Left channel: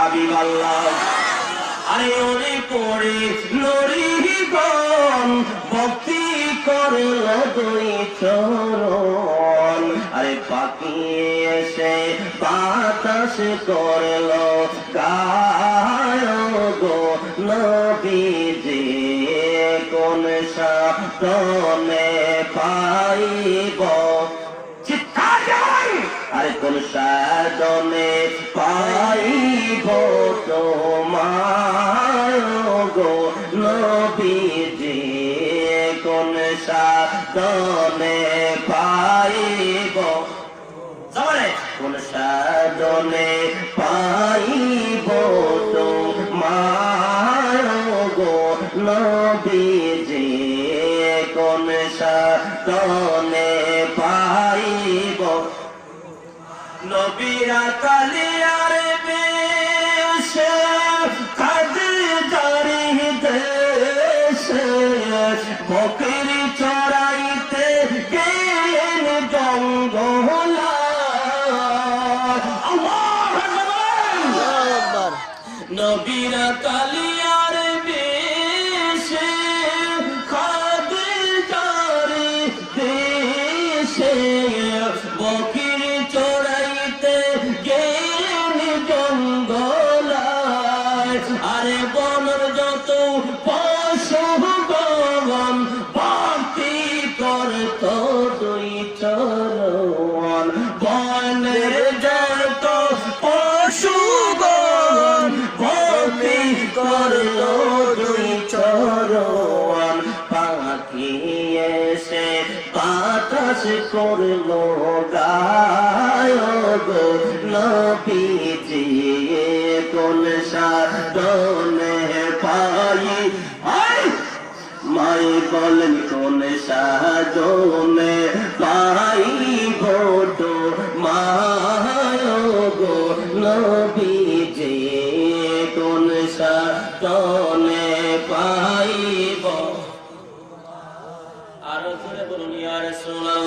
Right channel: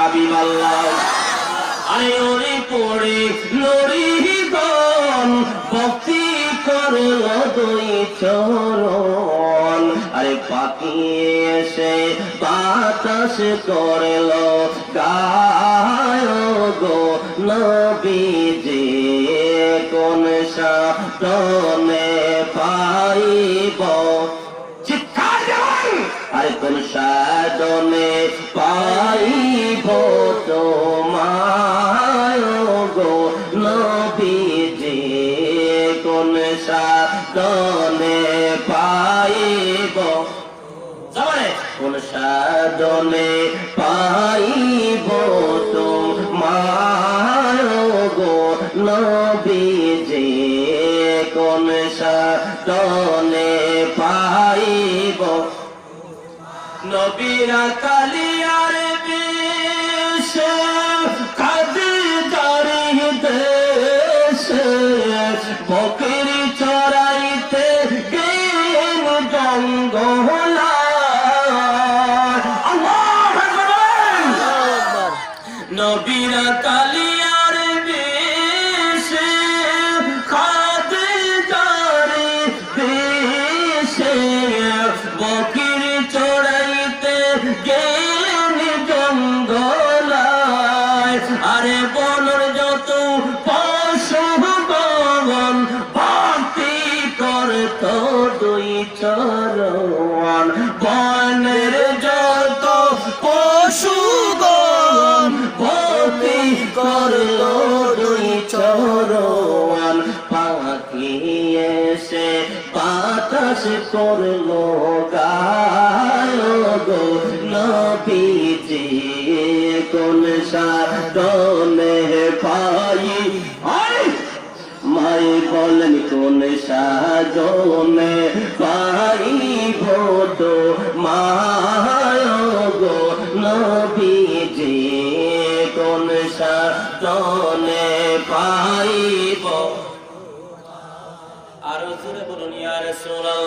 আরে পড়ে লড়ি গন ভক্তি করল দুই চরণ। আরে পাখি এসে বাতাস করল গায় গো নবীজি কোন সাধনে পাইব আরে কোন সাধনে পাইব তোমায় গো নবীজি কোন সাধনে পাইব কোন সাধনে পাইব তোমায় গো নবীজি কোন সাধনে পাইব। নবীরা কালিয়ার বেশে কাজে জারি দেশে বকর চড়াইতে গেলেন জঙ্গলায়। আল্লাহু আকবার। নবীরা কালিয়ার বেশে কাজে জারি দেশে বকর চড়াইতে গেলেন জঙ্গলায়। আরে বনর যত পশু গগন ভক্তি করত দুই চরণ। বনের যত পশু গগন ভক্তি করল দুই চরণ। পাখি এসে বাতাস করল গায় গো নবীজি কোন সাধনে পাই। মাই বলেন কোন সাধনে পাইব তো মায় গো নবীজি কোন সাধনে পাইব। আরো জোরে বলুন ইয়া রাসূলুল্লাহ।